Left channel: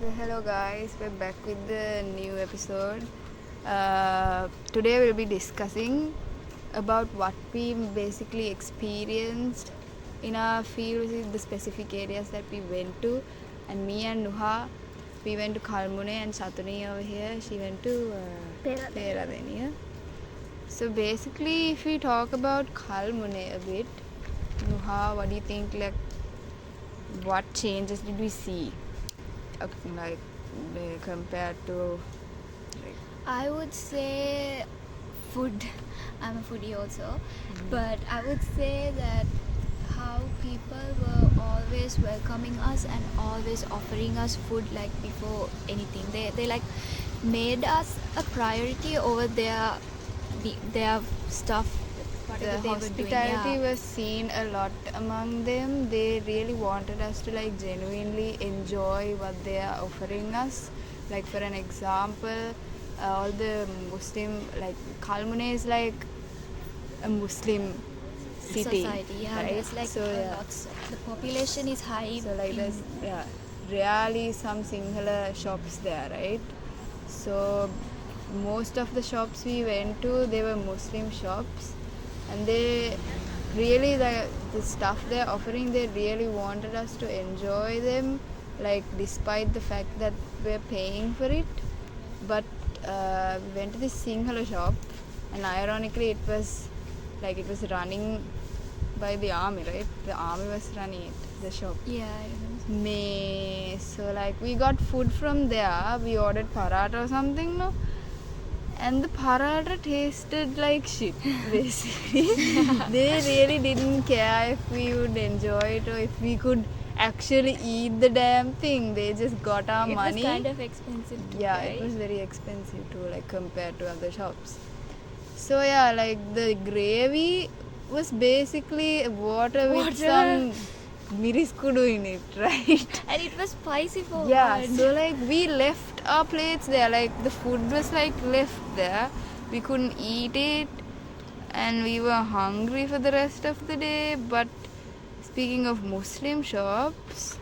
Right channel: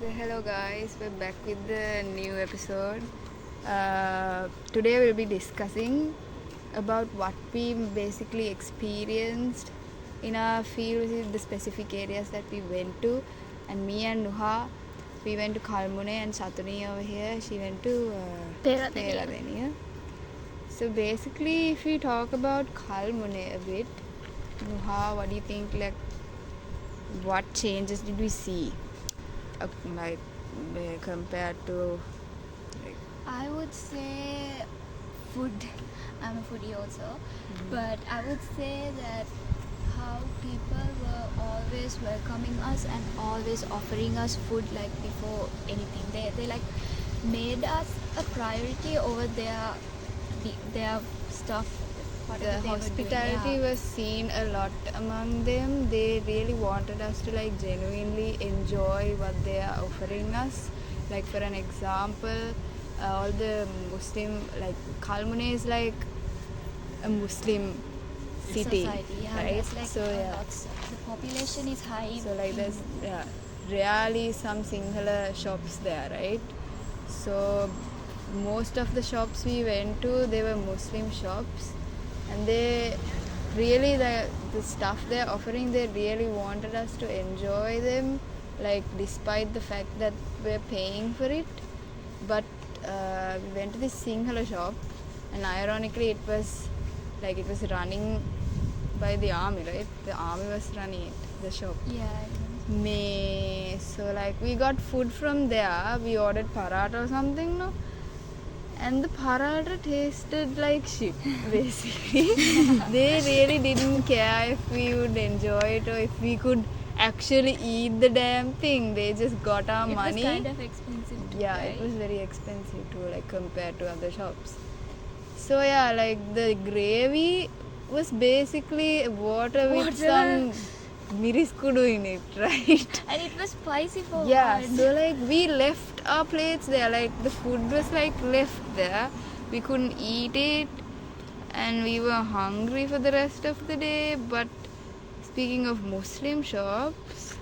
Okay, hello guys, we're back with the new episode. Today we'll be discussing about what we basically experienced in our field, which is the specific areas that we went to. And me and Nuha, we went to Kalmunai, and Satuni over here, she went to Peradeniya. So basically, if we talk about Kalmunai a bit, Nuha, what do you think? Like, what changes did we see? Like compared to I would say food. I'm a foodie also, but I would say that how people were always welcoming us and always offering us food like before anything. They like made us a priority over their stuff. the hospitality was seen a lot among them. They really wanted us to like genuinely enjoy what they are offering us. Like for an example, all the Muslim, like Kalmunai is like a Muslim city, society, right? Like, so the population is high. So like there's rarely some Sinhala shops there, right? So most of the shops we went to, they were Muslim shops, and they really the stuff they're offering, they really wanted us to enjoy them, like despite the fact that we're paying for it. But we went to this Sinhala shop, and ironically it was running by the army, right? The army was running it, the shop. So like we got food from there. We ordered paratha or something, no? And the paratha tasted like shit, basically. They really didn't care if we would enjoy it or if we could actually eat the damn thing. They just got our money. It was kind of expensive. It was very expensive too, like compared to other shops. So yeah, like the gravy was basically water with some miriskudu in it, right? And it was spicy for so like we left our plates there, like the food was like left there. We couldn't eat it, and we were hungry for the rest of the day. But speaking of Muslim shops,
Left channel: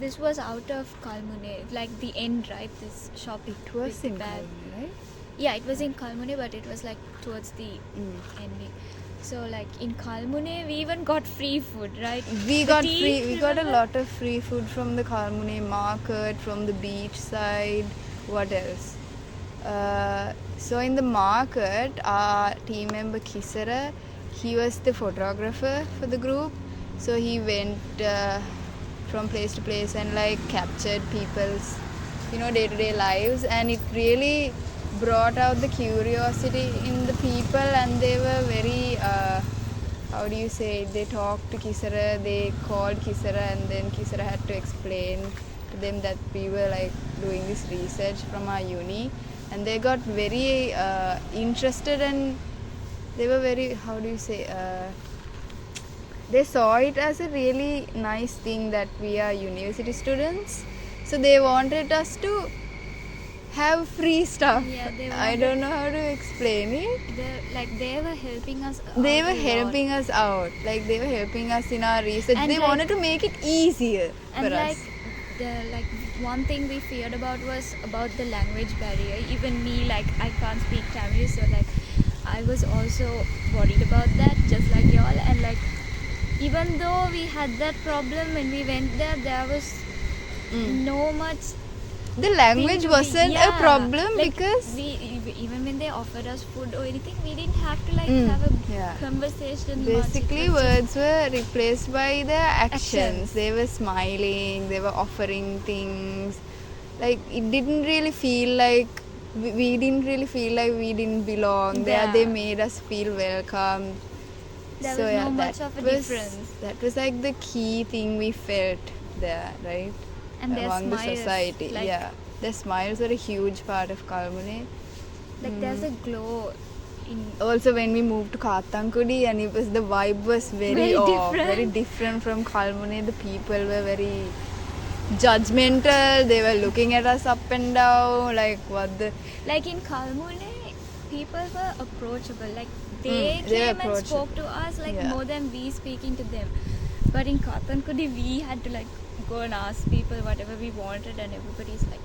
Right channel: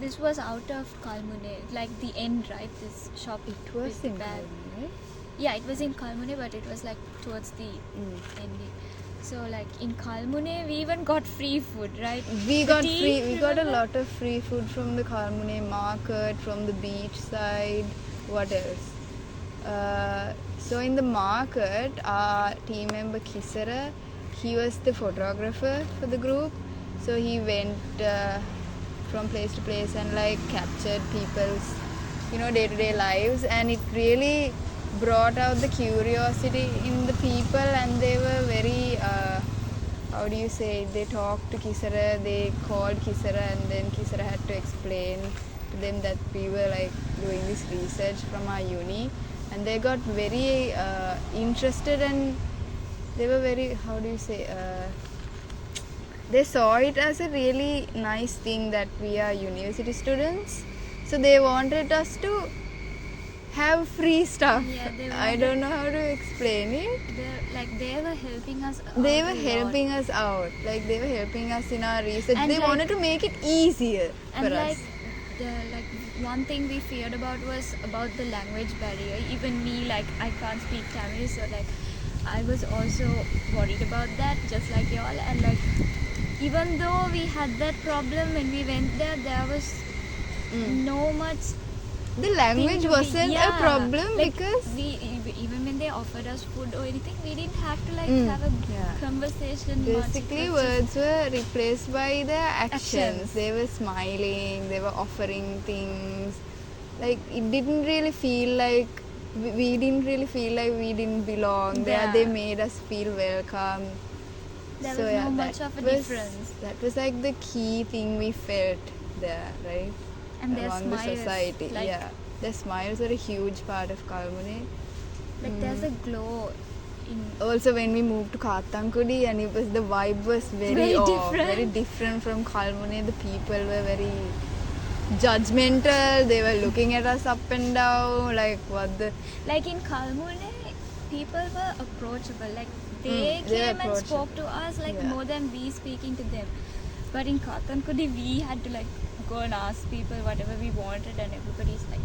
this was out of Kalmunai, like the end, right? This shop. It was in Kalmunai, right? Yeah, it was in Kalmunai, but it was like towards the ending. So like in Kalmunai, we even got free food, right? We got a lot of free food from the Kalmunai market, from the beach side. What else? So in the market, our team member Kisara, he was the photographer for the group. So he went from place to place and like captured people's, day-to-day lives, and it really brought out the curiosity in the people, and they were very they talked to Kisara, they called Kisara, and then Kisara had to explain to them that we were like doing this research from our uni, and they got very interested, and they were very they saw it as a really nice thing that we are university students, so they wanted us to have free stuff. I don't know how to explain it. They were helping us out. They were helping us out. Like they were helping us in our research. And they wanted to make it easier for us. One thing we feared about was about the language barrier. Even me, like I can't speak Tamil, so like I was also worried about that, just like y'all. And like even though we had that problem when we went there, there was no much. The language wasn't a problem, like, because even when they offered us food or anything, we didn't have to like have a conversation. Basically, words were replaced by their actions. They were smiling, they were offering things. Like it didn't really feel like we didn't really feel like we didn't belong there. They made us feel welcome. There was no much of a difference. That was like the key thing we felt there, right? And their among smiles, the society. Their smiles were a huge part of Kalmunai. Like there's a glow. Also when we moved to Kathankudi, and the vibe was very different from Kalmunai. The people were very judgmental. They were looking at us up and down, like like in Kalmunai, people were approachable. Like they came and spoke to us like more than we speaking to them. But in Kathankudi, we had to like go and ask people whatever we wanted, and everybody's like,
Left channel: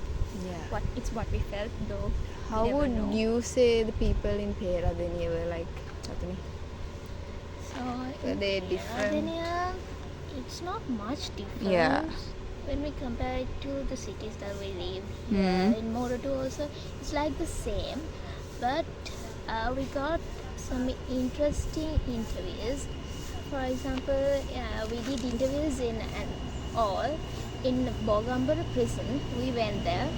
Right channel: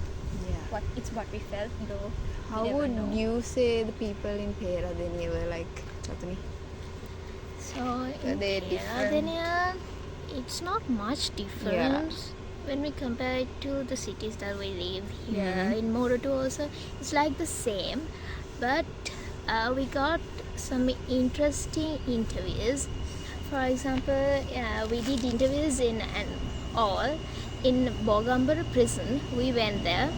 Yeah. it's what we felt, though. How we never would know. you say the people in Peradeniya were like, Chatani? So Were in they different? Peradeniya, it's not much difference when we compare it to the cities that we live here. In Moroto also, it's like the same, but we got some interesting interviews. For example, we did interviews in Bogambara prison. We went there,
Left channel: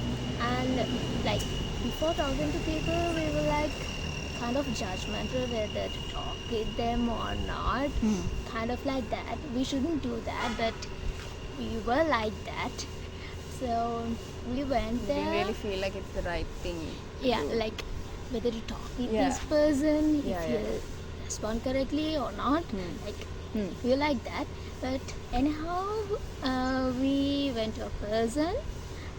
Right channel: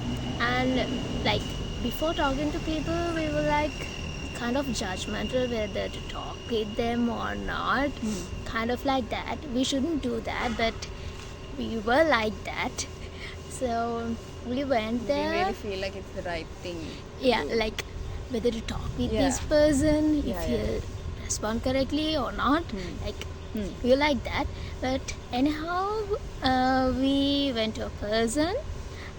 and like before talking to people, we were like kind of judgmental whether to talk with them or not. Kind of like that. We shouldn't do that, but we were like that. So we went You there. didn't really feel like it's the right thing. to Yeah, do. like whether to talk with Yeah. this person, if Yeah, he'll respond correctly or not. Like we like that. But anyhow, we went to a person,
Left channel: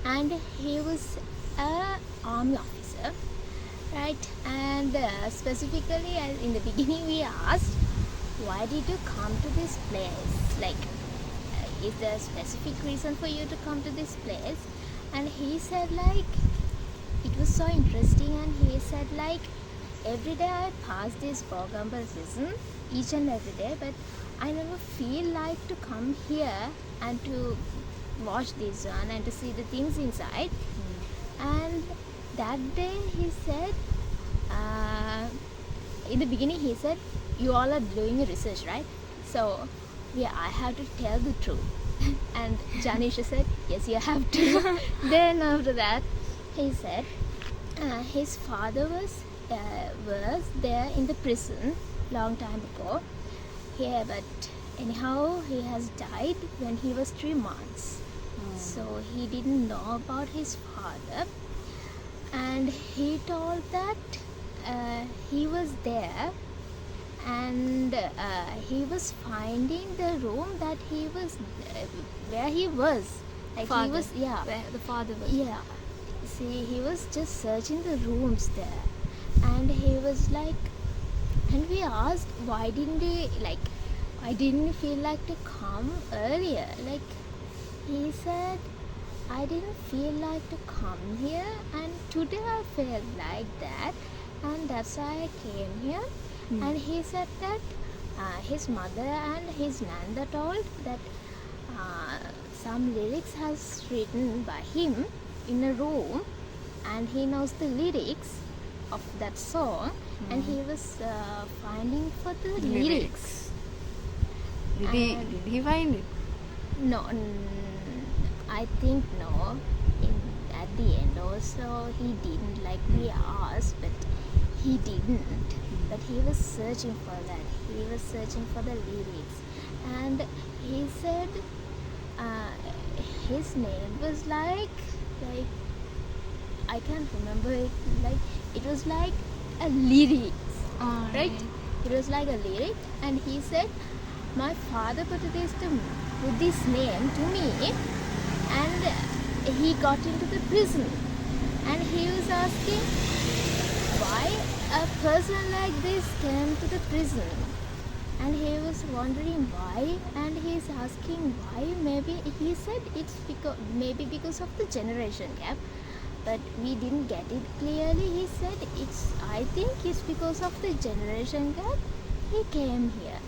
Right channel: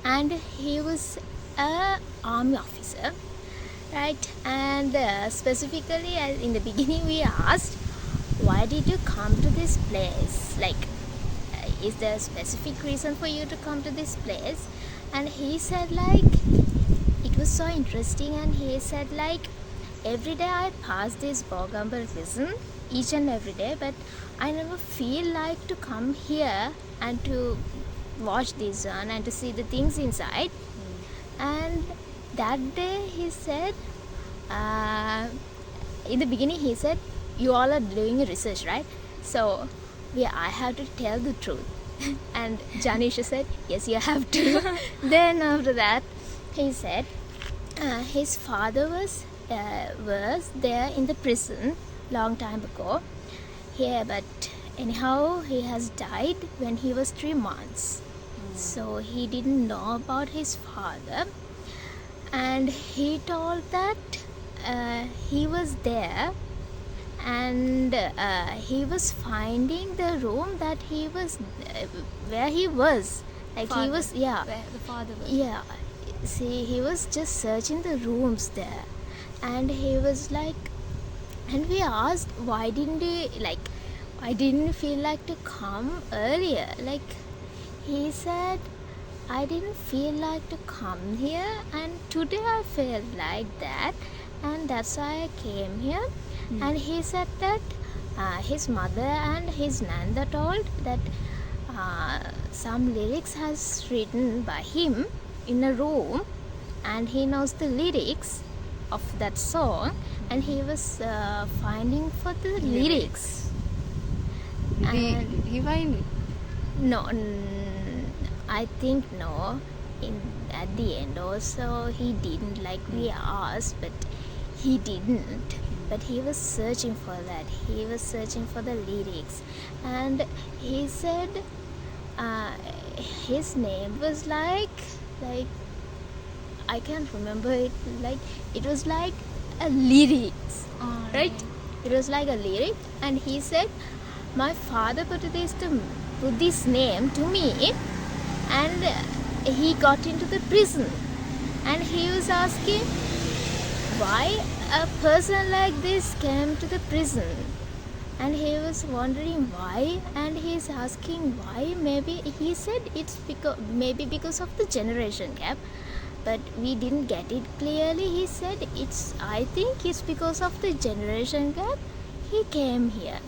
and he was a army officer, right? And specifically, in the beginning, we asked, why did you come to this place? Like, is there a specific reason for you to come to this place? And he said like, it was so interesting, and he said like, every day I pass this Bogambara prison, each and every day, but I never feel like to come here and to watch this one and to see the things inside. And that day he said, in the beginning he said, you all are doing research, right? So I have to tell the truth. And Janisha said, yes, you have to. Then after that he said, his father was there in the prison long time ago. Yeah, but anyhow he has died when he was 3 months. So he didn't know about his father, and he told that he was there, and he was finding the room that he was where he was, like he Father. was, yeah, Where the father was. yeah, see, he was just searching the rooms there, and he was like, and we asked, why didn't you feel like to come earlier? Like, he said, I didn't feel like to come here, and today I felt like that, and that's why I came here. And he said that his mother and his nanda told that some lyrics has written by him in a room, and he knows the lyrics of that song, and he was finding for the lyrics. Did he find it? No, I think no. At the end also he didn't, like we asked, but he didn't. But he was searching for that. He was searching for the lyrics, and he said his name was like I can't remember it. Like it was like a lyrics, right? It was like a lyric, and he said, my father put this name to me, and he got into the prison, and he was asking why a person like this came to the prison, and he was wondering why, and he's asking why. Maybe he said it's because of the generation gap, but we didn't get it clearly. He said I think it's because of the generation gap he came here.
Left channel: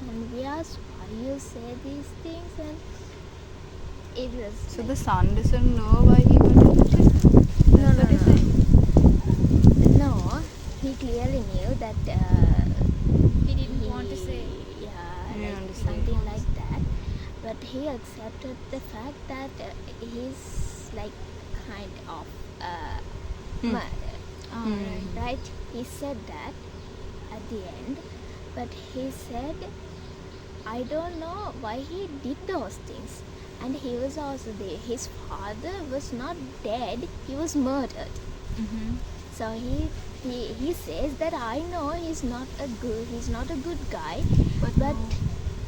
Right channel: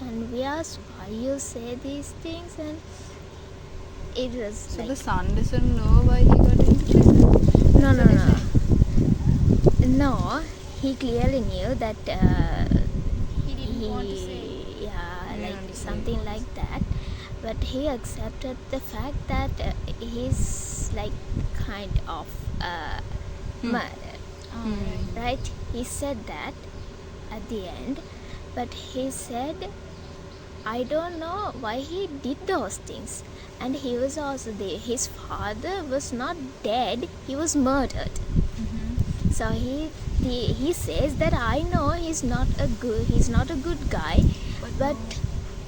And we asked why you say these things, and it was So like, the son doesn't know why he got into prison? no, That's what he said? no, he clearly knew that He didn't want to say. yeah, He didn't like want to say. something like that, but he accepted the fact that he's like kind of murdered, right? He said that at the end, but he said, I don't know why he did those things. And he was also there. His father was not dead, he was murdered. So he says that I know he's not a good guy, but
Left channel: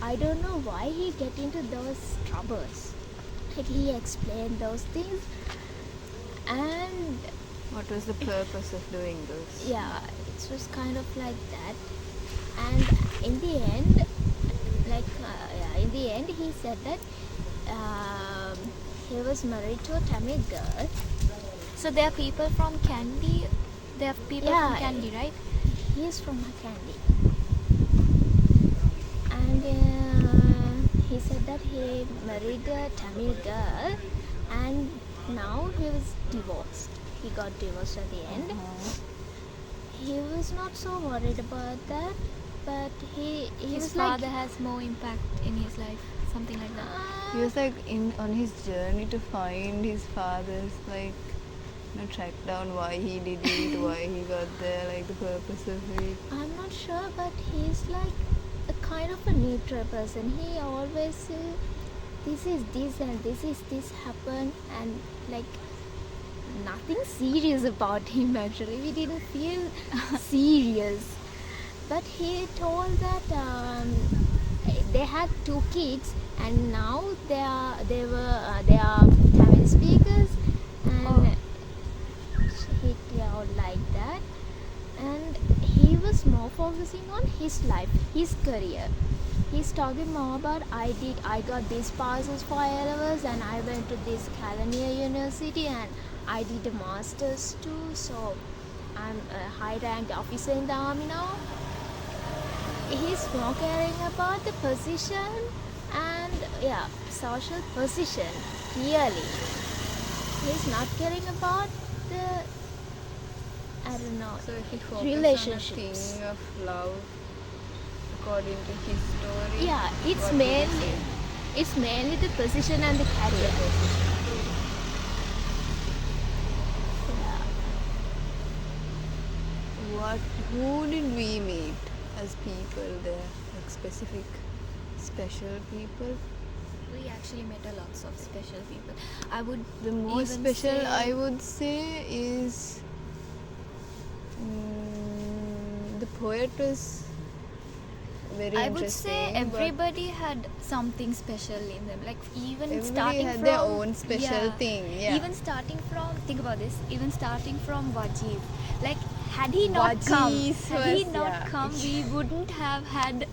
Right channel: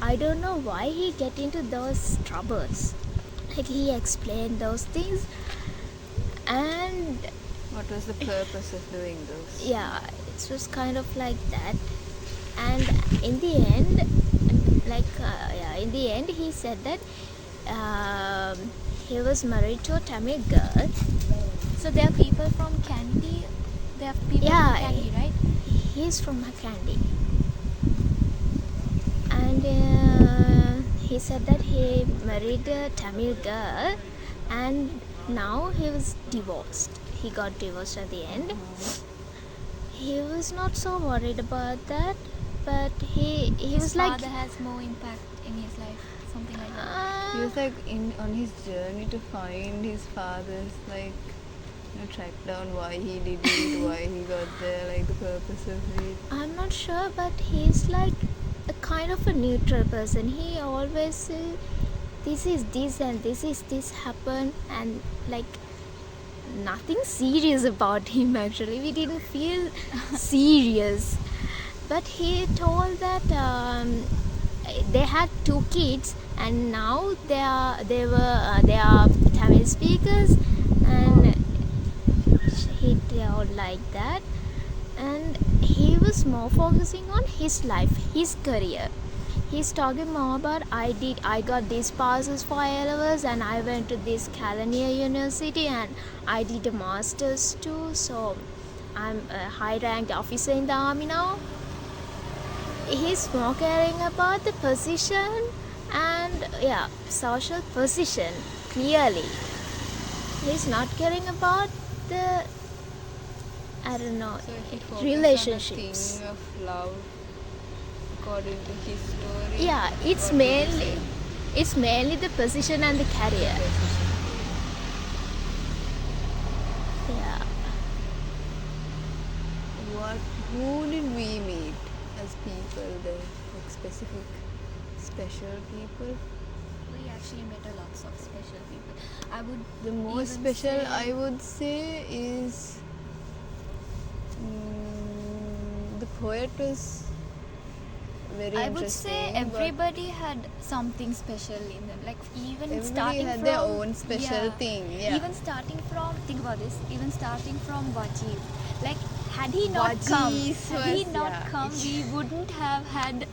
I don't know why he get into those troubles. Like he explained those things, and What was the purpose of doing this? yeah, it was kind of like that. And in the end, in the end he said that he was married to a Tamil girl. So there are people from Kandy. There are people Yeah, from Kandy, right? He's from Kandy. And he said that he married a Tamil girl and now he was divorced. He got divorced at the end. He was not so worried about that, but he His was like, father has more impact in his life, something like that. He was like on his journey to find his father's track down why he did it, why he got there, like the purpose of it. I'm not sure, but he's like a kind of a neutral person. He always say, this is this and this is this happened, and like nothing serious about him actually. We didn't feel serious. But he told that they had 2 kids and now they are Tamil speakers, and he told like that. And he was more focusing on his life, his career. He's talking more about I got these passes for A-levels and I went to this Kalmunai University and I did a master's too, so I'm a high ranked officer in the army now. He's more caring about the position and social position, clearly. He's not caring about the, I don't know, So he focused relationships. on a thing of love according to his story. Yeah, it's What did he mainly the position and the career. Yeah. Who did we meet as people there? Like special people? We actually met a lots of special people. I would The most even special say- I would say is the poet was very I would say interesting, but everybody had something special in them. Like even everybody starting had from their own special thing. Yeah. Even starting from, think about this. Even starting from Wajid, like had he not Wajid come, was- we wouldn't have had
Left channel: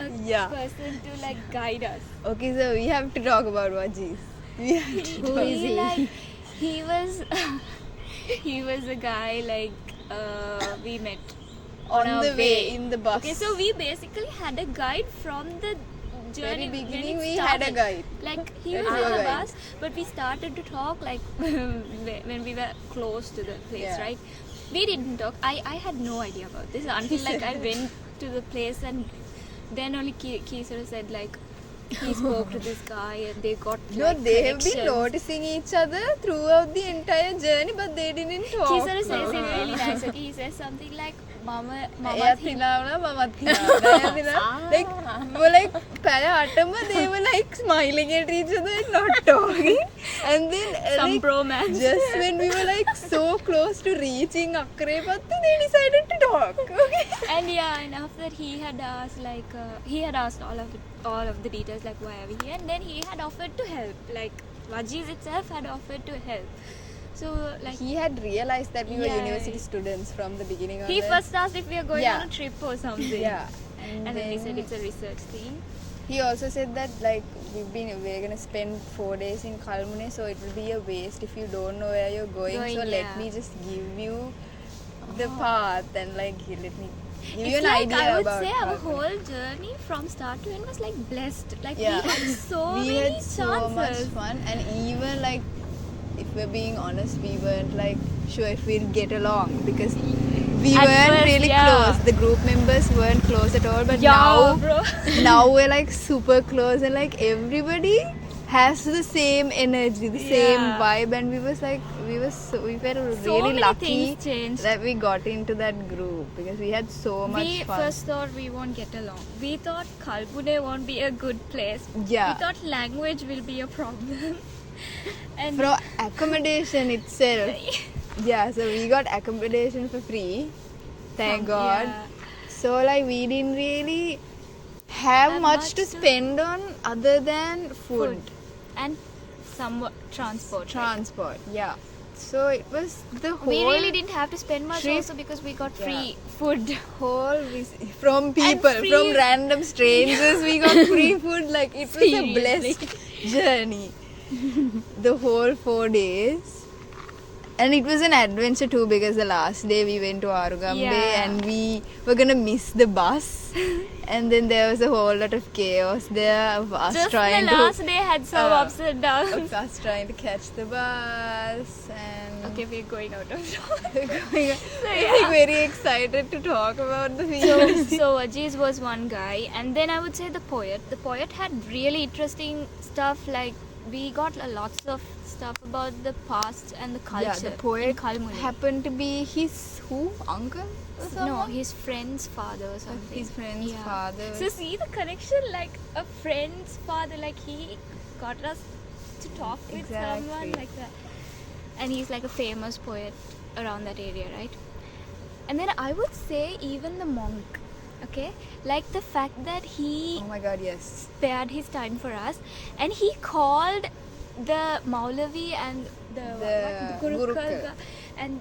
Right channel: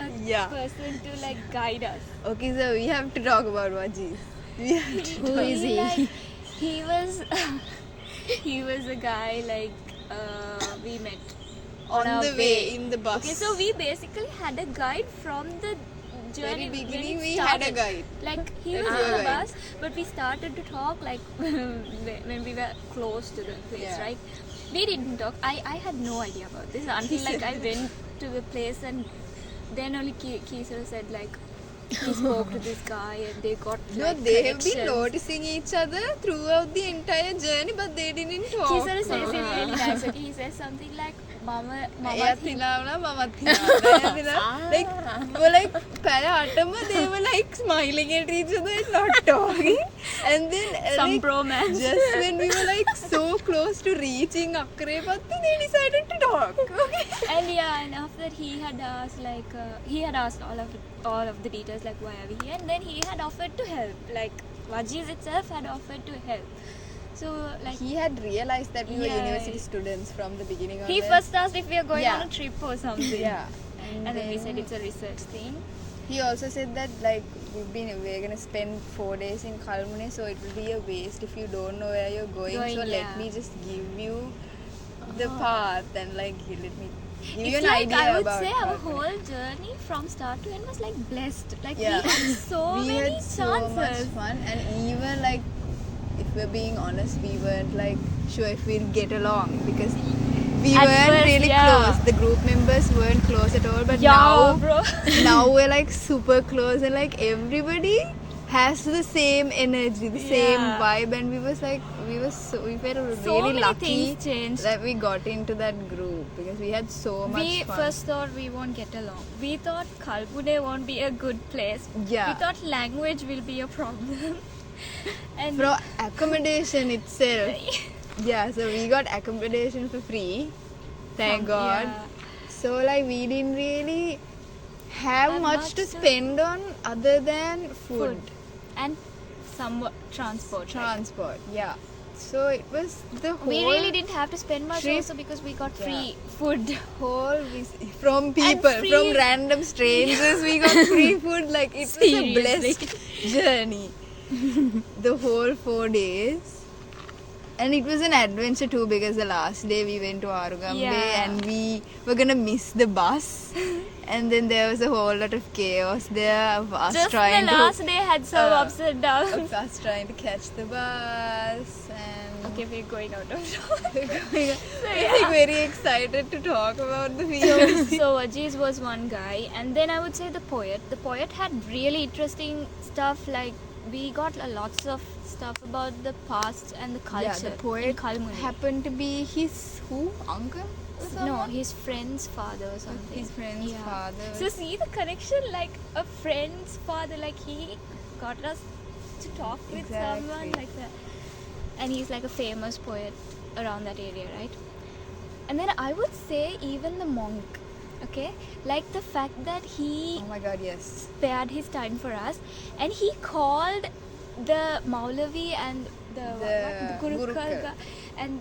a Yeah. person to like guide us. Okay, so we have to talk about Wajid. We have to Who is he? Like, he was he was a guy like we met on our the way in the bus. Okay, so we basically had a guide from the journey. Very beginning when it we had a started. guide. Like he That's was your in the guide. bus, but we started to talk like when we were close to the place, Yeah. right? We didn't talk. I had no idea about this until like I went to the place, and then only Kisara said like he spoke to this guy and they got No, like, they have been connections. noticing each other throughout the entire journey, but they didn't talk. Kisara says it really nice. Okay, he says something like Mama එයත් හිනාවුනා මමත් හිනාවුනා. Like we were like පැය 8ම they were like smiling at each other and not talking. And then some like, bromance. just when we were like so close to reaching Akre Patti, they decided to talk. Okay. And and after that he had asked like he had asked all of the details like why are we here, and then he had offered to help. Like Wajiz itself had offered to help. So like He had realized that we were Yeah. university students from the beginning of he it. first asked if we are going Yeah. on a trip or something. Yeah. And then we said it's a research thing. He also said that like we're gonna spend 4 days in Kalmunai, so it will be a waste if you don't know where you're going. So Yeah. let me just give you the path and like let me give you It's an like idea I would about say our Kalmunai. whole journey from start to end was like blessed. Like Yeah. we had so We many had chances. so much fun, and even like if we're being honest, we weren't like sure if we'd get along because we At weren't first, really yeah. close. The group members weren't close at all, but Yeah, bro. now we're like super close, and like everybody has the same energy, the same Yeah. vibe, and we were really So really many lucky things changed. that we got into that group because we had so much We fun. first thought we won't get along. We thought Kalmunai won't be a good place. Yeah. We thought language will be a problem. And For accommodation itself, yeah, so we got accommodation for free, thank God. Yeah. So like we didn't really have much to spend on other than food. and some transport. Transport, yeah. So it was the whole. We really didn't have to spend much trip. also because we got free food. From people, free- from random strangers, we got free food. Like it was a Seriously. blessed journey. The whole 4 days. And it was an adventure too because the last day we went to Arugambe Yeah. and we were gonna miss the bus. And then there was a whole lot of chaos there of us Just the trying last day had some ups and of downs. us trying to catch the bus and Okay, we're going out of topic. we're very excited to talk about the feelings. So Ajiz was one guy, and then I would say the poet. The poet had really interesting stuff. Like we got lots of stuff about the past and the culture Yeah, the in poet Kalmunai. happened to be his uncle? Or No, someone? his friend's father or something. His friend's father. So see the connection, like a friend's father, like he got us to talk with Exactly. someone like that. And he's like a famous poet around that area, right? And then I would say even the monk, okay? Like the fact that he Oh my god, yes. spared his time for us and he called the Maulavi and the Gurukul Gurukul. and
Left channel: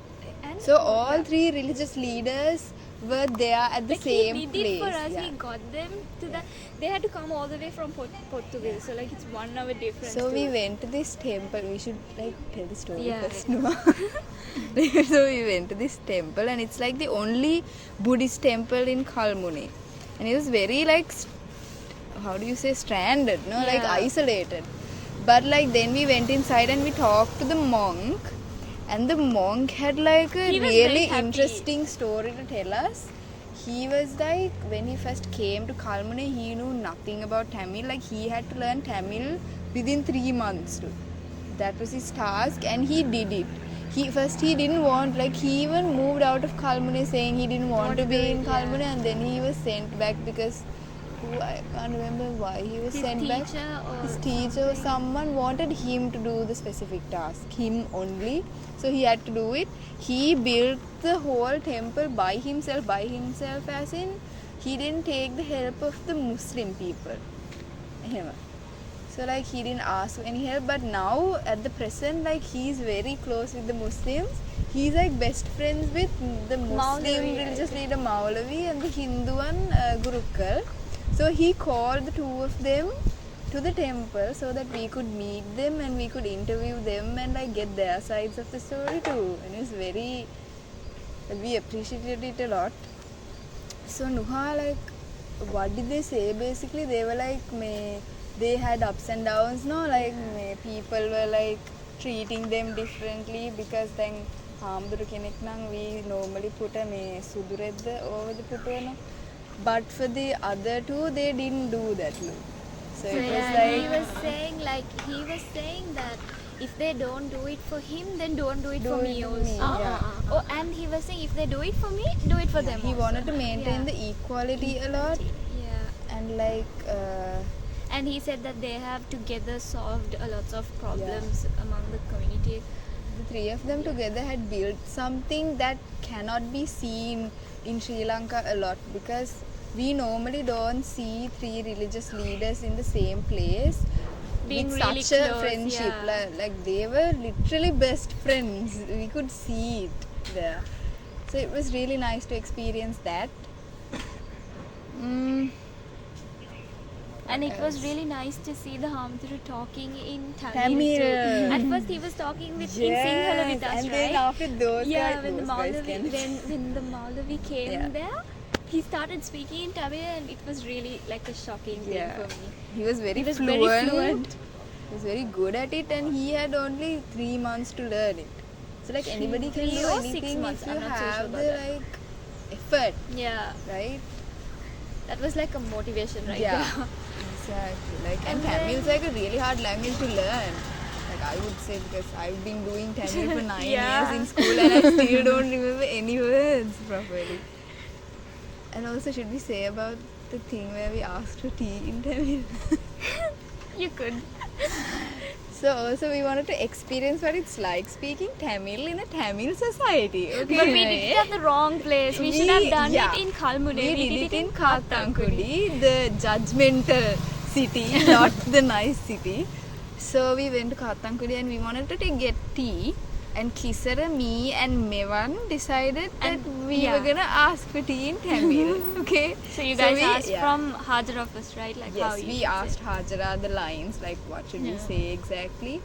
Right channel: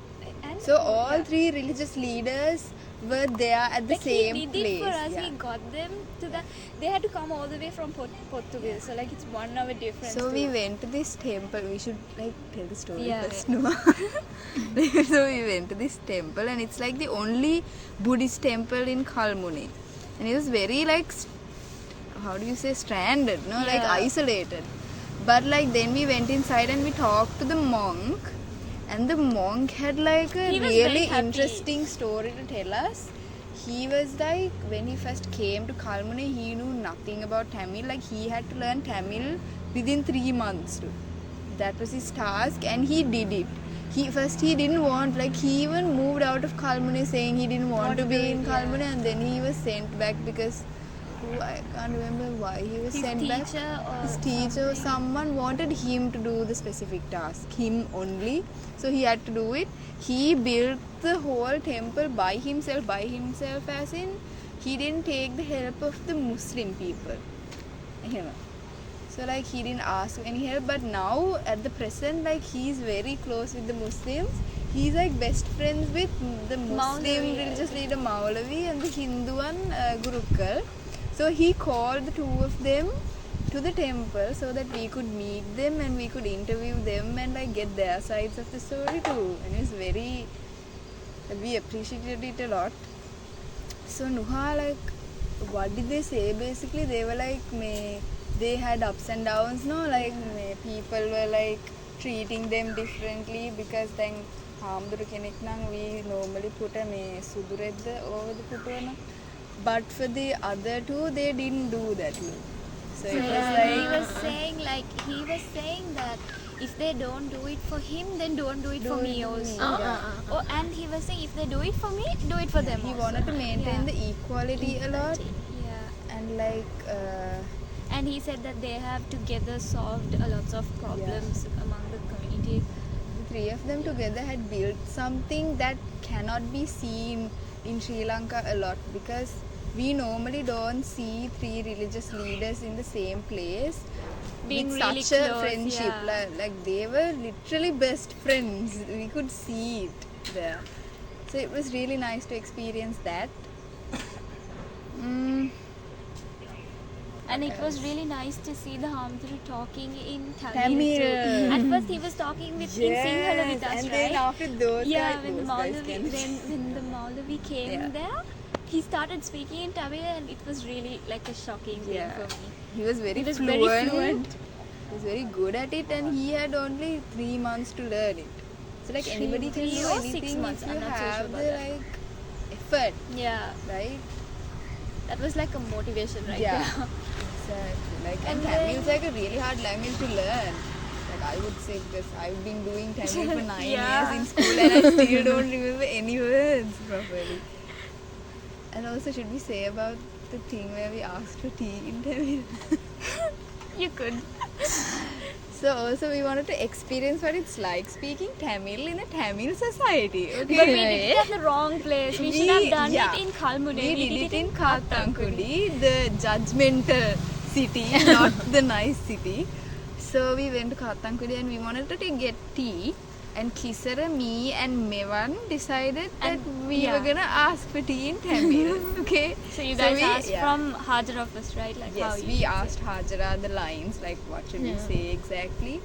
So all three religious leaders were there at the like same he did place. it for us. yeah. He got them to the. They had to come all the way from Portugal. So like it's 1 hour difference. So we too. went to this temple. We should like tell the story Yeah. first, no? So we went to this temple, and it's like the only Buddhist temple in Kalmunai, and it was very like, how do you say, stranded, no, like Yeah. isolated. But like then we went inside and we talked to the monk, and the monk had like a He was very really happy. interesting story to tell us. He was like, when he first came to Kalmunai, he knew nothing about Tamil. Like he had to learn Tamil within 3 months. Too. That was his task, and he did it. He didn't want, like he even moved out of Kalmunai saying he didn't want to be in Kalmunai, and then he was sent back because I can't remember why he was His sent back. teacher or His teacher or someone wanted him to do the specific task, him only. So he had to do it. He built the whole temple by himself as in he didn't take the help of the Muslim people. Him. So like he didn't ask for any help, but now at the present, like he's very close with the Muslims. He's like best friends with the Muslim Maulavi, religious leader Maulavi and the Hindu one Gurukul. So he called the two of them to the temple so that we could meet them and we could interview them and like get their sides of the story too. And it's very, we appreciated it a lot. So Nuha, like, what did they say? Basically, they were like, they had ups and downs, no? Like, people were like treating them differently because then Hamduru kenek nang we normally put a sudu redda over the putwana. But for the other two, they didn't do that. Look. So it he was saying that if they don't do it for him, then don't do it for me also. Yeah. Oh, and he was saying if they do it for me, do it for them He also. wanted to maintain Yeah. the equality a lot, Yeah. and like And he said that they have together solved a lot of problems among the community. the three of them together had built something that cannot be seen in Sri Lanka a lot, because we normally don't see three religious leaders in the same place Being with really such a close, friendship. yeah. Like they were literally best friends. We could see it there. So it was really nice to experience that. And it was really nice to see the Hamduru talking in Tamil Tamil. too. At first he was talking in Sinhala with us, and right? then after those Yeah, guys, when the those guys Maulavi can- when the Maulavi came Yeah. there, he started speaking in Tamil, and it was really like a shocking thing Yeah. for me. He was very He was fluent. very fluent. He was very good at it, and he had only 3 months to learn it. So like anybody can 3 do or anything 6 months, if I'm you not so sure have about the that. like effort, Yeah, right? that was like a motivation, right? Yeah. Exactly. Like, and And Tamil is like a really hard language to learn. Like I would say, because I've been doing Tamil for 9 Yeah. years in school and I still don't remember any words properly. And also, should we say about the thing where we asked for tea in Tamil? You could. So also we wanted to experience what it's like speaking Tamil in a Tamil society. Okay. But we did it at the wrong place. We should have done Yeah. it in Kalmunai. We did it in Kathankudi, the judgmental city, not the nice city. So we went to Kathankudi and we wanted to get tea. And Kisara, me and Mevan decided that And- we yeah. were gonna ask for tea in Tamil. Okay. So you guys we- asked yeah. from Hajara first, right? Like how Yes, you we should asked say. Hajara the lines, like what should we say exactly.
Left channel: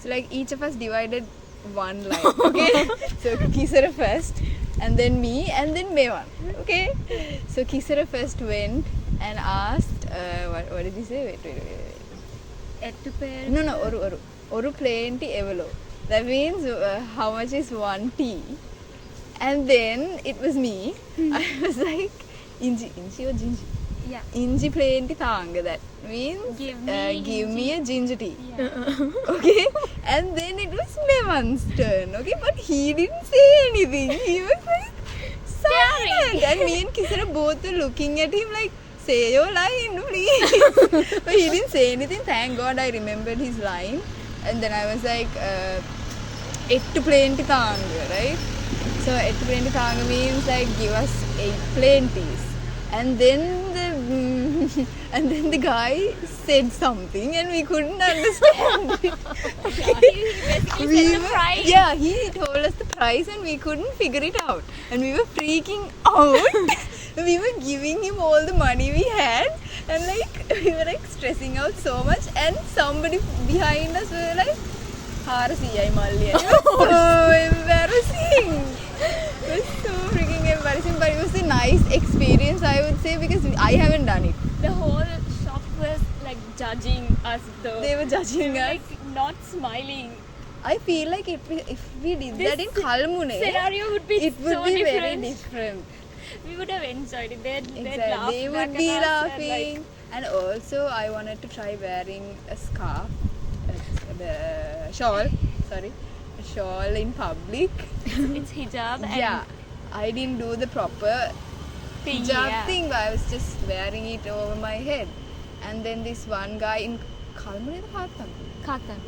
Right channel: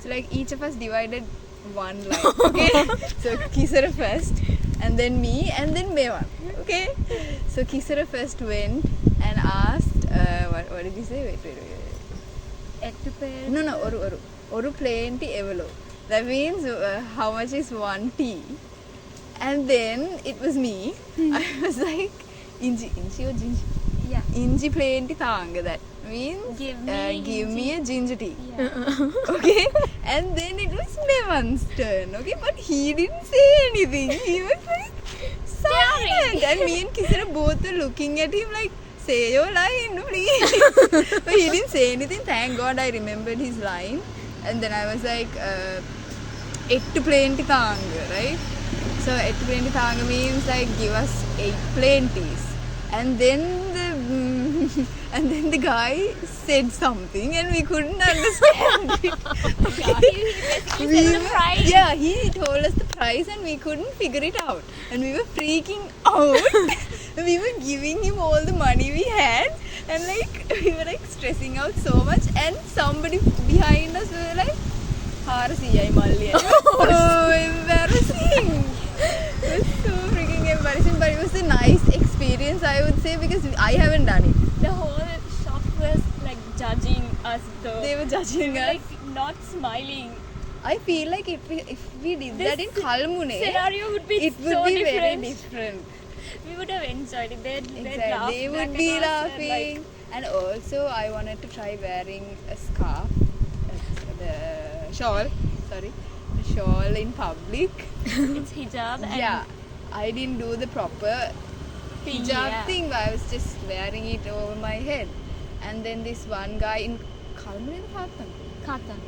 So like each of us divided one line. Okay. So Kisara first, and then me, and then Mevan. Okay. So Kisara first went and asked. What did he say? Wait. Ettu per. No, oru plain tea evalo. That means how much is one tea? And then it was me. I was like, inji or ginger? Yeah. Inji plain tea thanga. That means Give me give me a ginger tea. Yeah. Okay. And then it was Mevan's turn. Okay, but he didn't say anything. He was like silent. And me and Kisara both were looking at him like, say your line, please. But he didn't say anything. Thank God I remembered his line. And then I was like, ettu plain tea thanga, right? So ettu plain tea thanga means like give us 8 plain teas. And then the guy said something and we couldn't understand it. He basically said the price. Yeah, he told us the price and we couldn't figure it out. And we were freaking out. We were giving him all the money we had and like we were like stressing out so much, and somebody behind us were like, "Harasiyai Malli." It was so embarrassing. It was so freaking embarrassing, but it was a nice experience, I would say, because I haven't done it. The whole shop was like judging us though. They were judging us. Like not smiling. I feel like if we did that in Kalmunai, Scenario would be it would so be different. very different. We would have enjoyed it. They'd Exactly. laugh They back would be at us and, laughing. like, And also, I wanted to try wearing a scarf, the shawl in public. it's hijab and Yeah, I didn't do the proper hijab yeah. thing, but I was just wearing it over my head. And then this one guy in Kalmunai and Katan.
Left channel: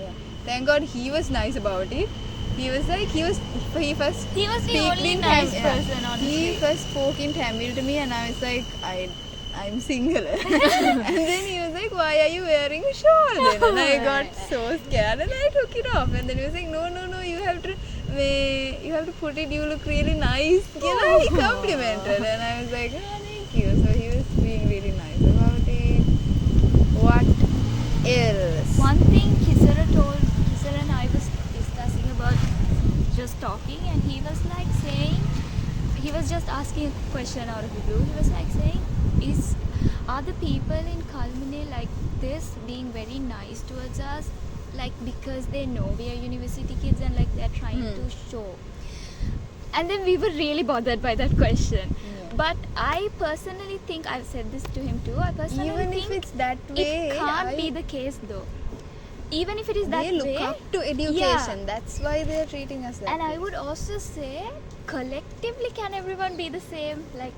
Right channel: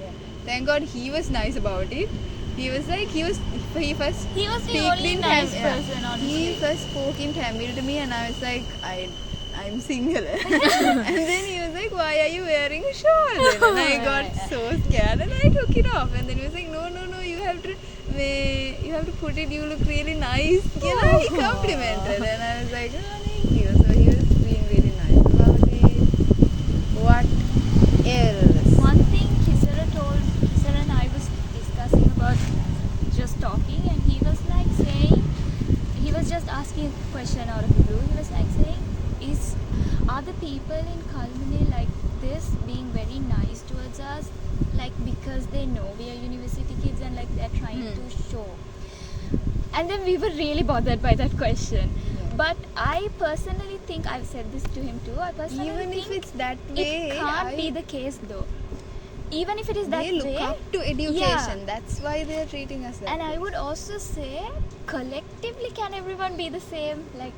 yeah. Thank God he was nice about it. He was like, he was the only nice person, honestly. He first spoke in Tamil to me and I was like, I'm single. And then he was like, why are you wearing a shawl then? And I got so scared and I took it off. And then he was like, no, you have to put it, you look really nice. You know, he complimented. And I was like, oh, thank you. So he was being really nice about it. What else? One thing Kisara and I was discussing about just talking, and he was like saying, he was just asking a question out of the blue. He was like saying, are the people in Kalmunai like this, being very nice towards us, like because they know we are university kids and like they're trying to show? And then we were really bothered by that question. Yeah. But I personally think, I've said this to him too, I personally Even think if it's that way, it can't be the case though. Even if it is that they look way, up to education. yeah. That's why they are treating us like And I this. would also say, collectively, can everyone be the same? Like,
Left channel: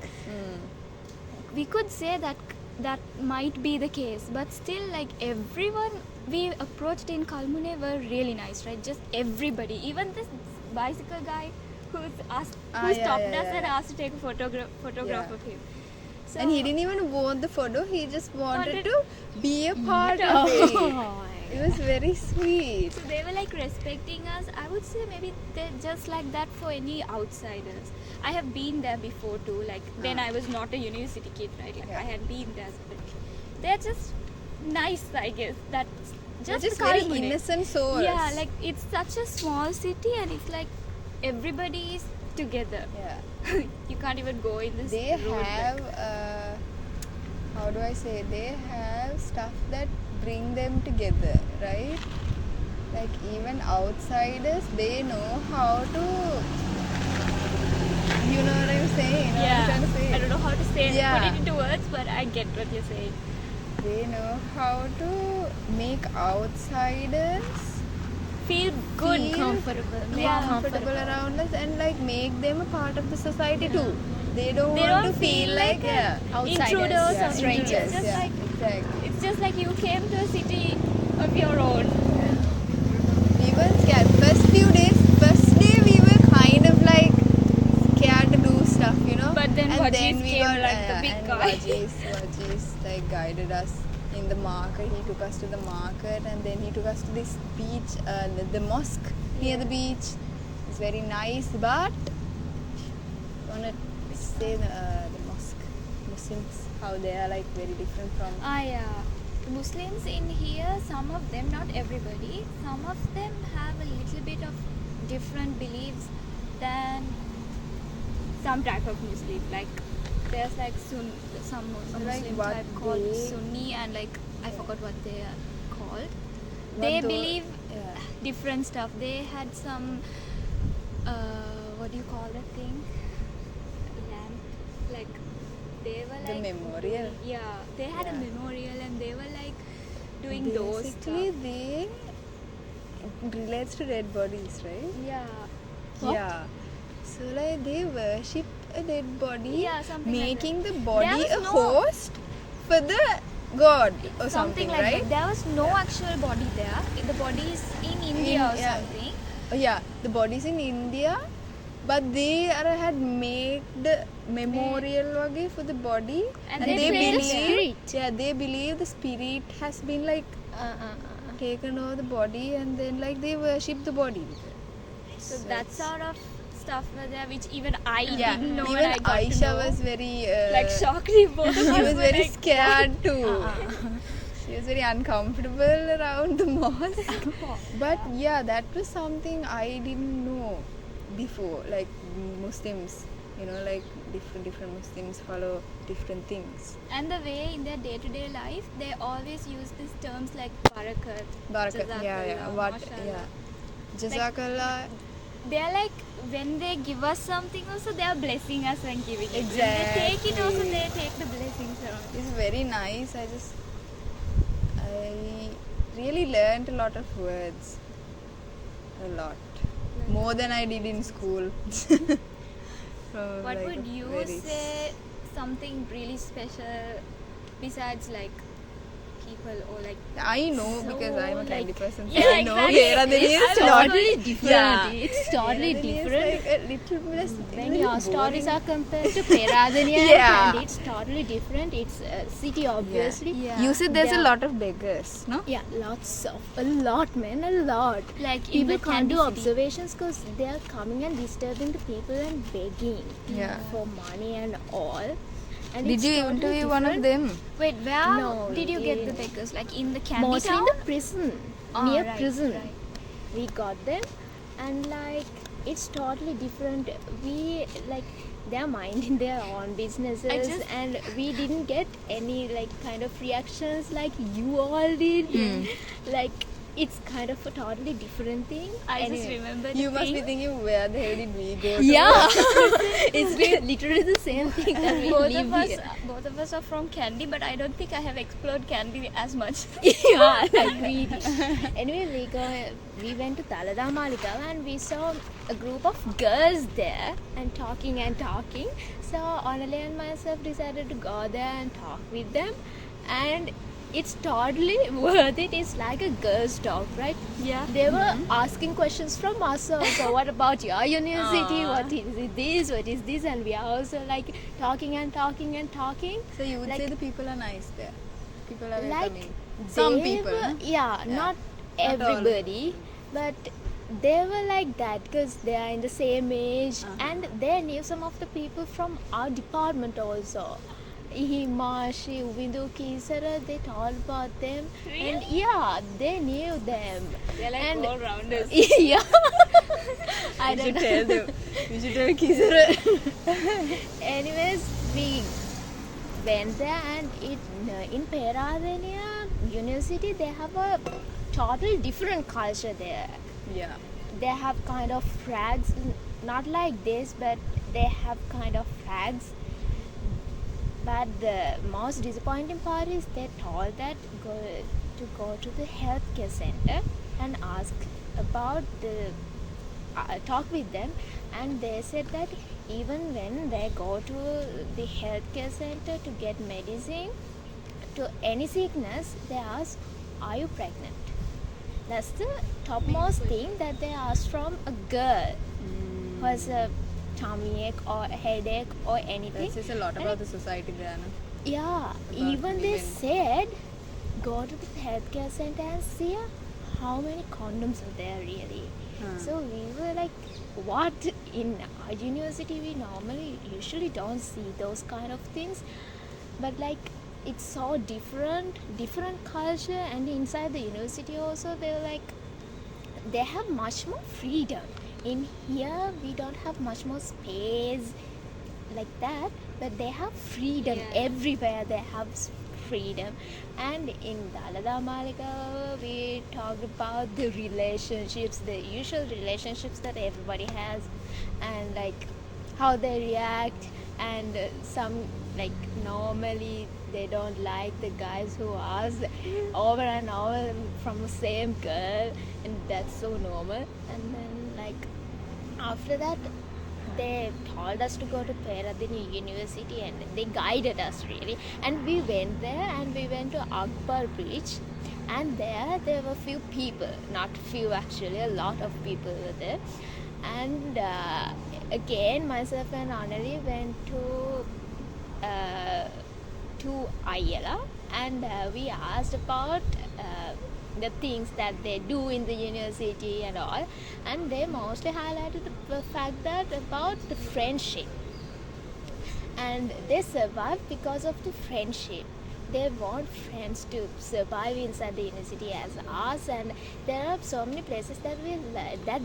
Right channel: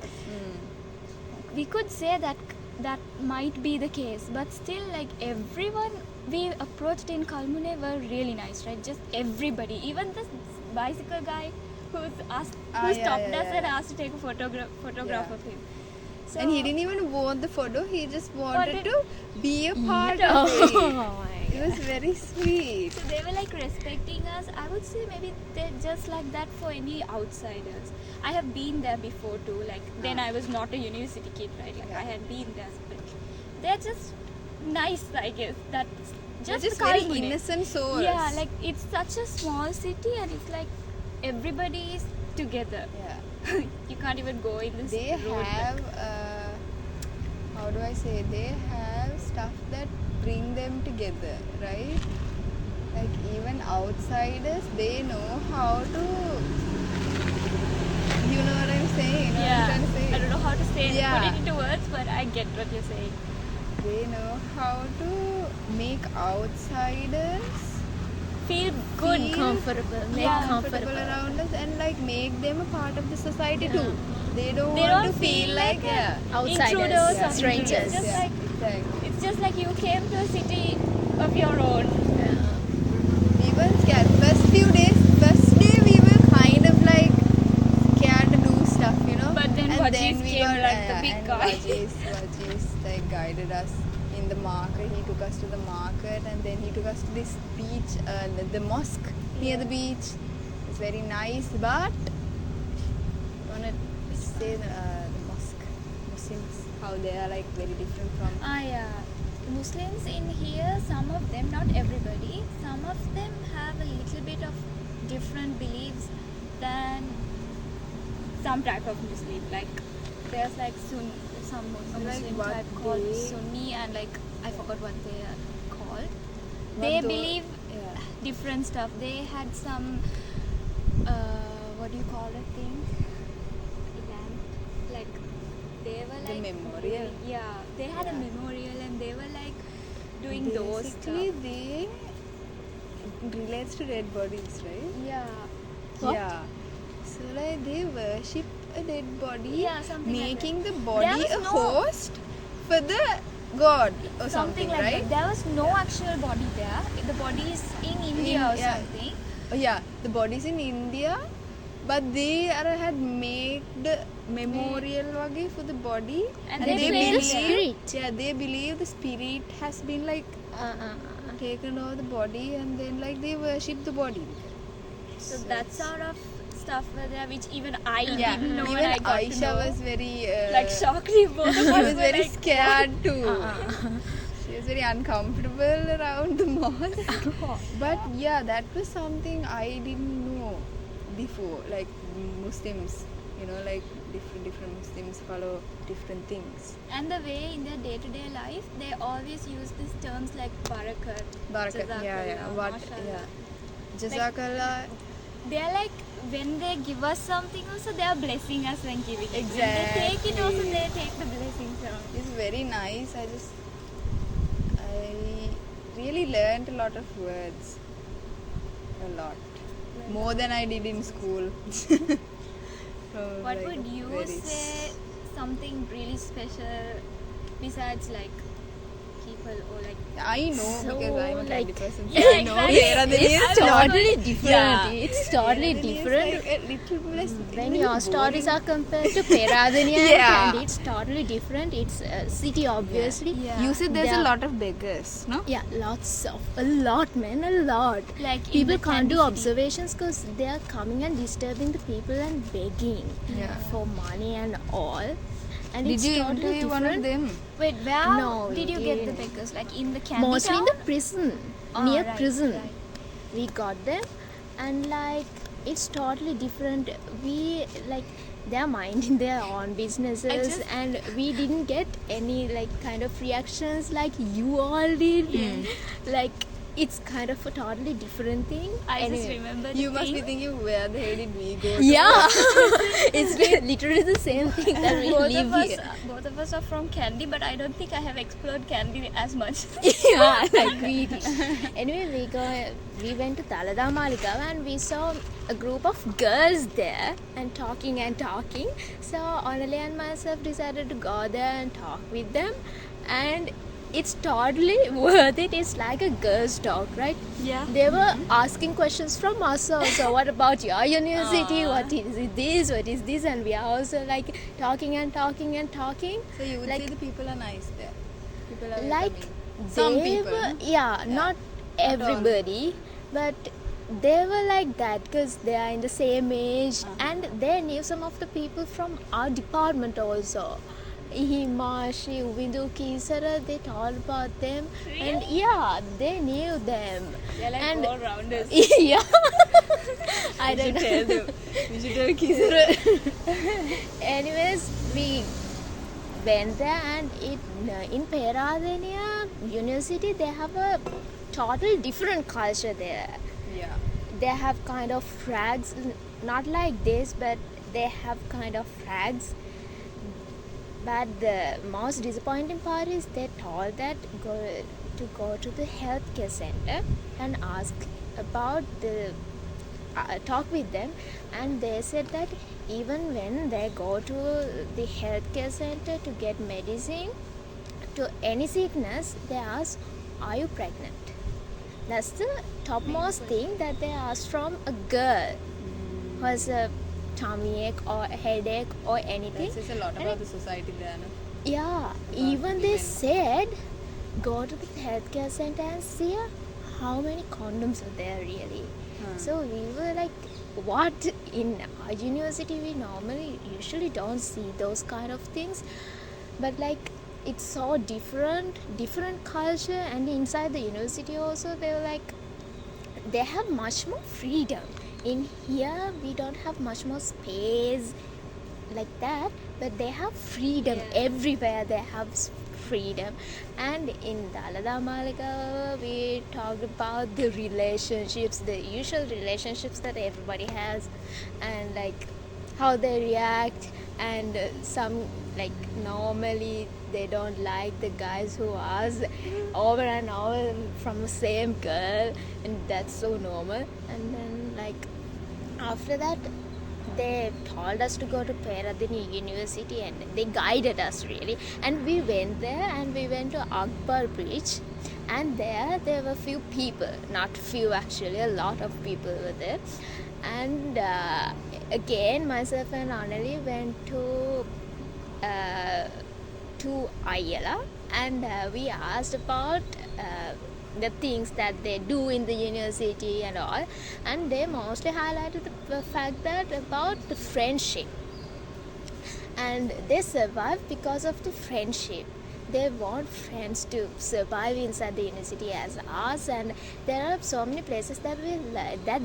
we could say that might be the case, but still, like, everyone we approached in Kalmunai were really nice, right? Just everybody, even this bicycle guy who stopped us and asked to take a photograph Yeah. of him. So, And he didn't even want the photo, he just wanted Wanted- to be a part of it. It was very sweet. So they were like respecting us. I would say maybe they're just like that for any outsiders. I have been there before too. Like then I was not a university kid, right? Like Yeah. I had been there. But they're just nice, I guess. That's They're just just very Kalmunai. innocent souls. Yeah, like it's such a small city and it's like everybody is together. Yeah. You can't even go in this They road. have, how do I say, they have stuff that bring them together, right? Like even outsiders, they know how to, you know what I'm saying? Yeah, What I'm trying to say? I don't know how to say it, Yeah. put it into words, but I get what you're saying. They know how to make outsiders Feel good. feel comfortable around us and like make them a part of the society too. They don't They want don't to feel like yeah. Outsiders, intruders yeah, or strangers. It's just Yeah, like exactly. it's just like you came to a city of your own. Even scared. First day we were kind of like scared to do stuff, you know. But then And Vajis we came like the big and guy. Vajis like guided us in the market. He took us to the market and then he took us to this beach, the mosque. near the beach. It's very nice, but I want to say the mosque, Muslims, how they are like very different from. Yeah. The Muslims in here, some of them, not everybody, some of them have a little bit of different beliefs than some type of Muslim. Like there's like some Muslim Like type what called they- Sunni, and like I forgot what they are called. What They tho- believe yeah. different stuff. They had some what do you call that thing? Lamp, like they were The like memorial? they had a Yeah. memorial, and they were like doing those Basically, stuff. they relates to dead bodies, right? Yeah. Yeah. So like they worship a dead body, Yeah, something like making that. the body There was a no- host for the god or something, like right? that. There was no actual body there. The body is in India or yeah. something. Oh, yeah, the body's in India, but they had made the memorial wage for the body, And they prayed believe, there. yeah, they believe the spirit has been like taken over the body, and then like they worship the body. So that sort of stuff were there, which even I Yeah, didn't know, even and I got to Aisha know. was very Like shocked. Both of she us was were very like, scared too. She was very uncomfortable around the mosque. But yeah, that was something I didn't know before. Like Muslims, like different Muslims follow different things. And the way in their day-to-day life, they always use these terms like barakat, Barakat, yeah, jazakallah, what, mashallah. yeah. Jazakallah. They're like, when they give us something also, they are blessing us when giving it. When they take it also, they take the blessing from it. It's very nice. I really learned a lot of words. A lot. More than I did in school. So, What like, would you very- say something really special besides like people or like I know because I'm a candy person. So Yeah, I know exactly. Peradeniya It's is not- totally different. Yeah. It's totally Peradeniya is different. like a little less, When little your stories boring. are compared to Peradeniya Yeah. and it's totally different. It's a city, obviously. Yeah. You said there's a There- lot of beggars, no? Yeah, a lot, man, a lot. Like in People the can't do candy city. observations because they are coming and disturbing the people and begging Yeah. for money and all. And Did it's you totally interview one of different. them? Wait, where No, did you get the yeah. beggars? Like in the candy Mostly in town? the prison, Ah, near right, prison. right. We got them, and like it's totally different. We like they're minding their own businesses, and we didn't get any like kind of reactions like you all did. Like it's kind of a totally different thing. I just Anyway. remember the You must be thing. thinking, where the hell did we go to? Yeah, it's literally the same thing that we live here. Both of us are from Kandy, but I don't think I have explored Kandy as much. Yeah, like we did. Anyway, we went to Talada Malika and we saw a group of girls there and talking. So Anali and myself decided to go there and talk with them, and it's totally worth it. It's like a girls' talk, right? Yeah. They were asking questions from us also. What about your university? What is it this? What is this? And we are also like talking. So you would Like- say the people are nice there. People are Like welcoming. Some they people. were, no? yeah, not all. everybody, but they were like that because they are in the same age, and they knew some of the people from our department also. Himashi, Uvindu, Kisara, they told about them, and yeah, they knew them. They're like And- all-rounders. Yeah, I You don't should know. tell them. You should tell Kizara. Anyways, we went there, and in Peradeniya University they have a total different culture there. Yeah. They have kind of flags, not like this, but they have kind of flags. But the most disappointing part is they told that go to the healthcare center and ask about the talk with them, and they said that even when they go to the healthcare center to get medicine to any sickness, they ask, "Are you pregnant?" That's the topmost thing that they ask from a girl who has a tummy ache or a headache or anything. That says a lot about the society there, no? Yeah, even they said go to the healthcare center and see how many condoms are there really. So we were like, what? In our university we normally usually don't see those kind of things, but like it's so different culture. And inside the university also they were like, they have much more freedom. In here we don't have much more space like that, but they have freedom. Everywhere they have freedom. And in Dalada Malika we talked about the relationships, the usual relationships that everybody has, and like how they react. And some, like, normally they don't like the guys who ask over and over from the same girl, and that's so normal. And then like after that they told us to go to Peradeniya University, and they guided us really. And we went there, and we went to Akbar Bridge, and there were few people, not few actually, a lot of people were there. And again myself and Anali went to Ayala, and we asked about the things that they do in the university and all, and they mostly highlighted the fact that about the friendship, and they survive because of the friendship. They want friends to survive inside the university as us. And there are so many places that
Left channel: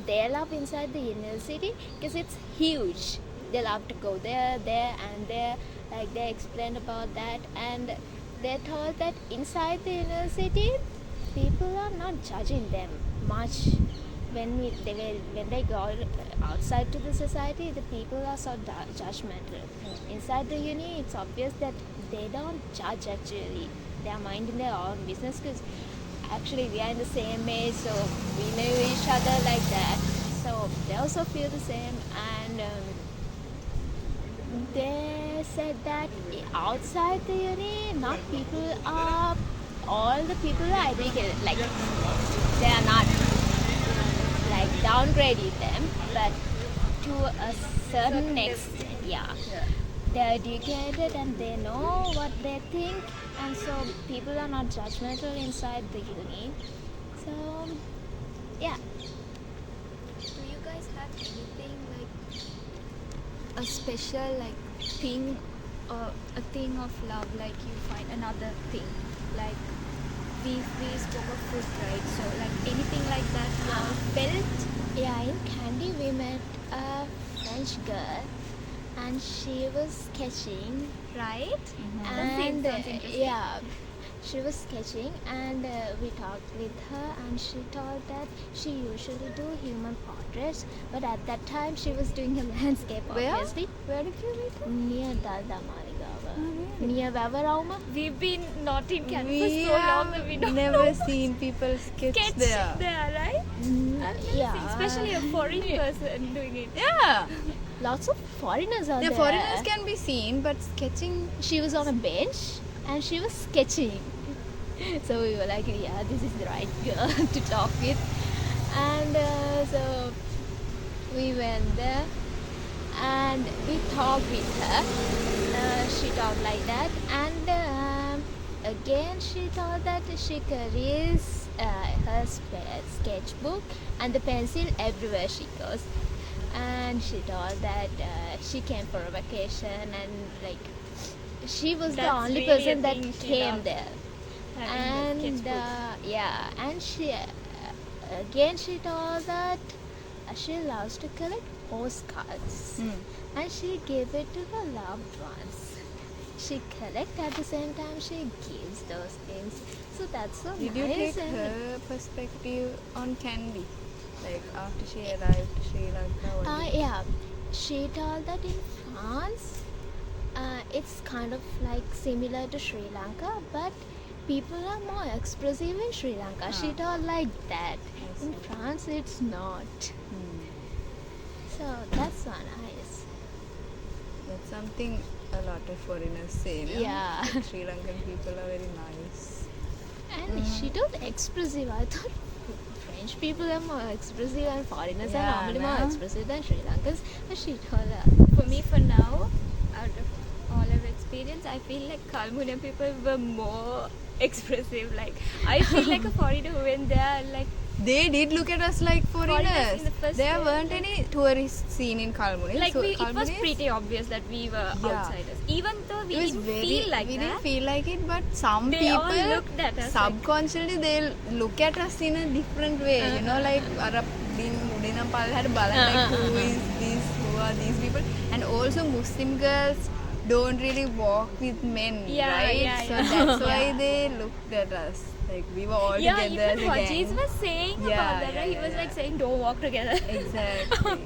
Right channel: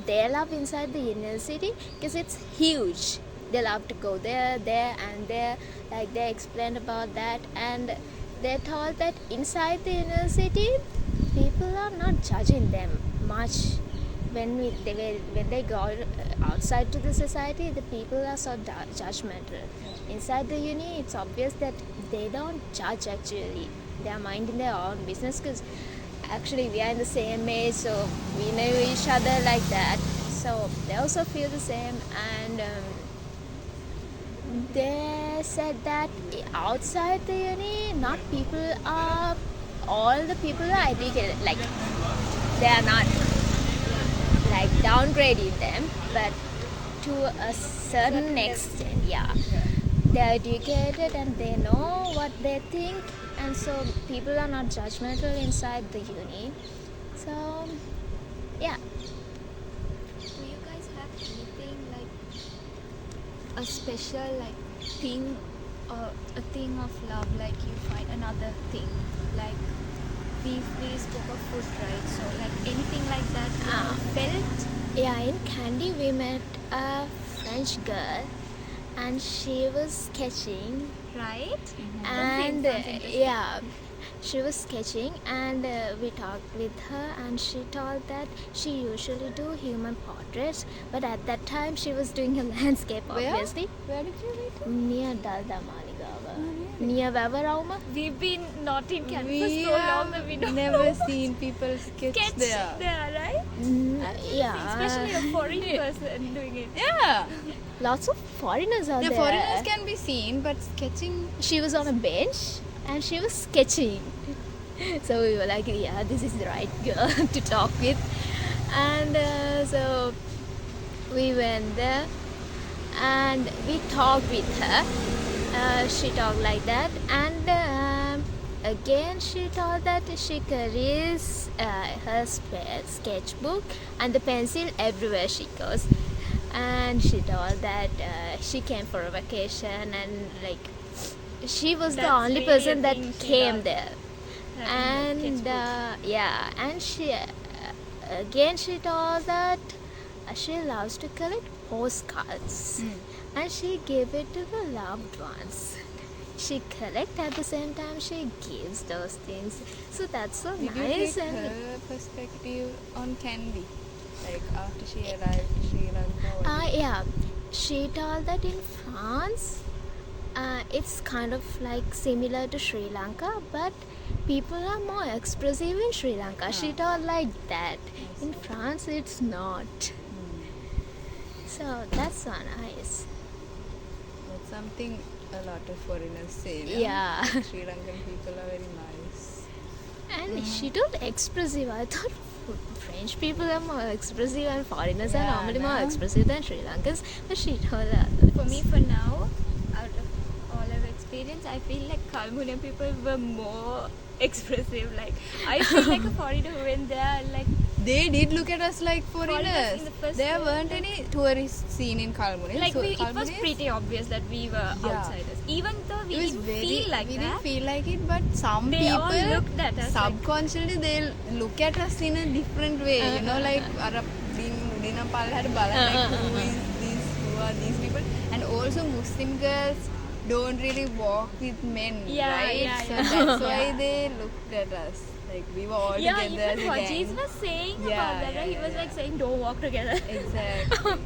they love inside the university because it's huge. They love to go there and there. Like they explained about that, and they told that inside the university people are not judging them much. When they go outside to the society, the people are so judgmental. Inside the uni, it's obvious that they don't judge actually. They are minding their own business, because actually we are in the same age, so we know each other like that. So they also feel the same. And they said that outside the uni, not people are, all the people are educated. Like they are not like downgrading them, but to a certain extent, they're educated and they know what they think, and so people are not judgmental inside the uni. So yeah. Do you guys have anything like a special like thing, or a thing of love, like you find another thing, like we spoke of food, right? So like anything like that you all felt? Yeah, in Candy we met a French girl, and she was sketching, Right? and Sounds interesting. yeah, she was sketching, and we talked with her, and she told that she usually do human portraits, but at that time she was doing a landscape. Where? Obviously Where did you meet her? near Dalda Maligawa, near Vavarauma. We've been not in Canada for so long that we don't never know. seen people sketch there. right? Yeah, Especially a foreign person doing it. Yeah, lots of foreigners out the there. foreigners can be seen, but sketching. She was on a bench and she was sketching. So we were like, yeah, this is the right girl to talk with. And so we went there and we talked with her. She talked like that, and again she told that she carries her sketchbook and the pencil everywhere she goes. And she told that she came for a vacation, and like she was the That's only really a person that thing she came loved, there. having the And sketchbook. and she again she told that she loves to collect postcards, and she gave it to the loved ones. She collect, at the same time she gives those things. So that's so Did you nice. take And her perspective on Candy? Like after she arrived to Sri Lanka? yeah, she told that in France, it's kind of like similar to Sri Lanka, but people are more expressive in Sri Lanka. She told like that. In France, it's not. So that's one nice. That's something a lot of foreigners say. No? Yeah. Like Sri Lankan people are very nice. And she told expressive. I thought French people are more expressive and foreigners are Yeah, normally more no? expressive than Sri Lankans. But she told For me, for now, out of all I've experienced, I feel like Kalmunai people were more expressive. Like I feel like a foreigner who went there, like they did look at us like foreigners. in the first There place, weren't any tourists seen in Kalmunai. Like So it was Kalmunai is- pretty obvious that we were Yeah. outsiders, even though we it was didn't very, feel like we that. didn't feel like it, but some They people all looked at us like- subconsciously they'll look at us in a different way. You know, like අර උඩින පල්ලෙහාට බලන who are these people, and also Muslim girls don't really walk with men, Yeah, right? yeah, So yeah. that's why they looked at us. Like we were all Yeah, together even as a Hajiz gang. was saying Yeah, about that. yeah, He was yeah. like saying, "Don't walk together." Exactly.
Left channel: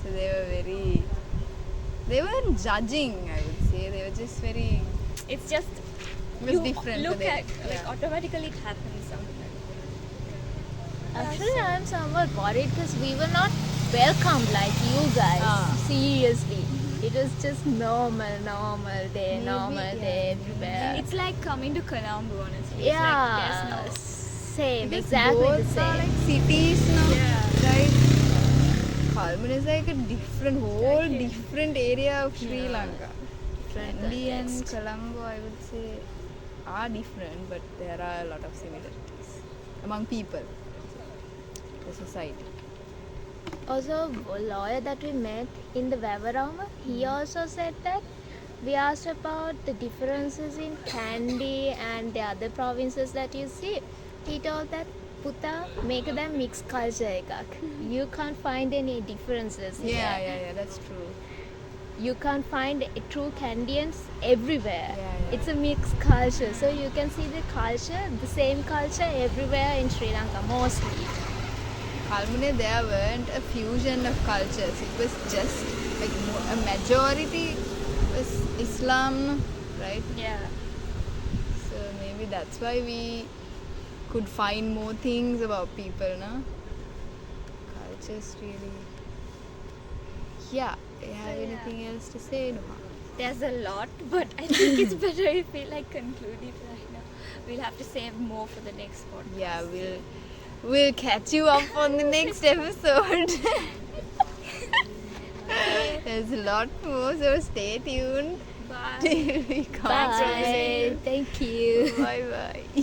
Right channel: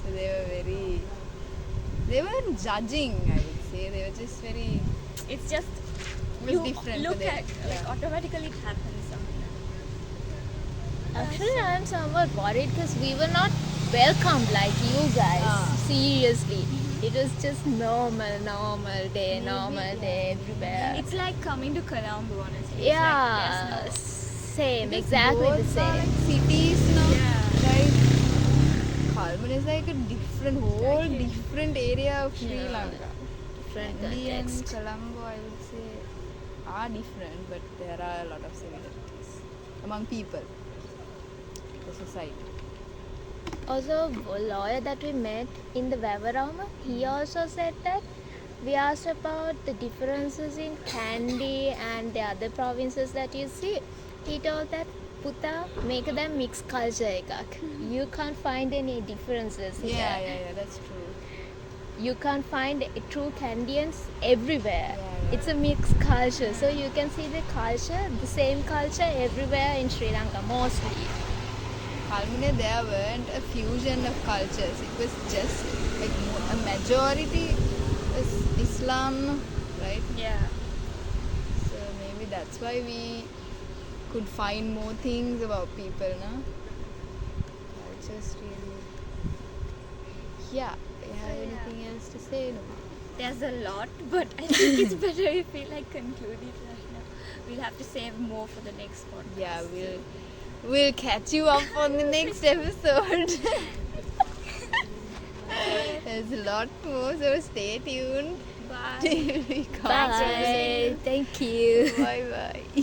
So they were very. They weren't judging, I would say. They were just very. It's just It was you different look for them. at like automatically it happens something. Actually, I'm somewhat worried because we were not welcomed like you guys. Seriously. It was just normal day everywhere. It's like coming to Colombo, honestly. Yeah, same, exactly the Both are same. cities now. Like Kalmunai is like a whole different area of Sri Yeah. Lanka. Different India and context. Colombo, I would say, are different, but there are a lot of similarities among people, the society. Also, a lawyer that we met in the Vavarama, he also said that we asked about the differences in Kandy and the other provinces that you see. He told that Puta make them mixed culture ekak. You can't find any differences here. Yeah, that's true. You can't find true Candians everywhere. Yeah. It's a mixed culture, so you can see the culture, the same culture everywhere in Sri Lanka mostly. Kalmunai, there weren't a fusion of cultures. It was just like a majority was Islam, right? Yeah. So maybe that's why we could find more things about people, no? Cultures really. Yeah. Do you have anything else to say? No? There's a lot, but I think it's better if we like conclude it right now. We'll have to save more for the next podcast. Yeah, we'll catch you up on the next episode. There's a lot more, so stay tuned. Bye. Till we come. Bye. Thank you. Bye bye.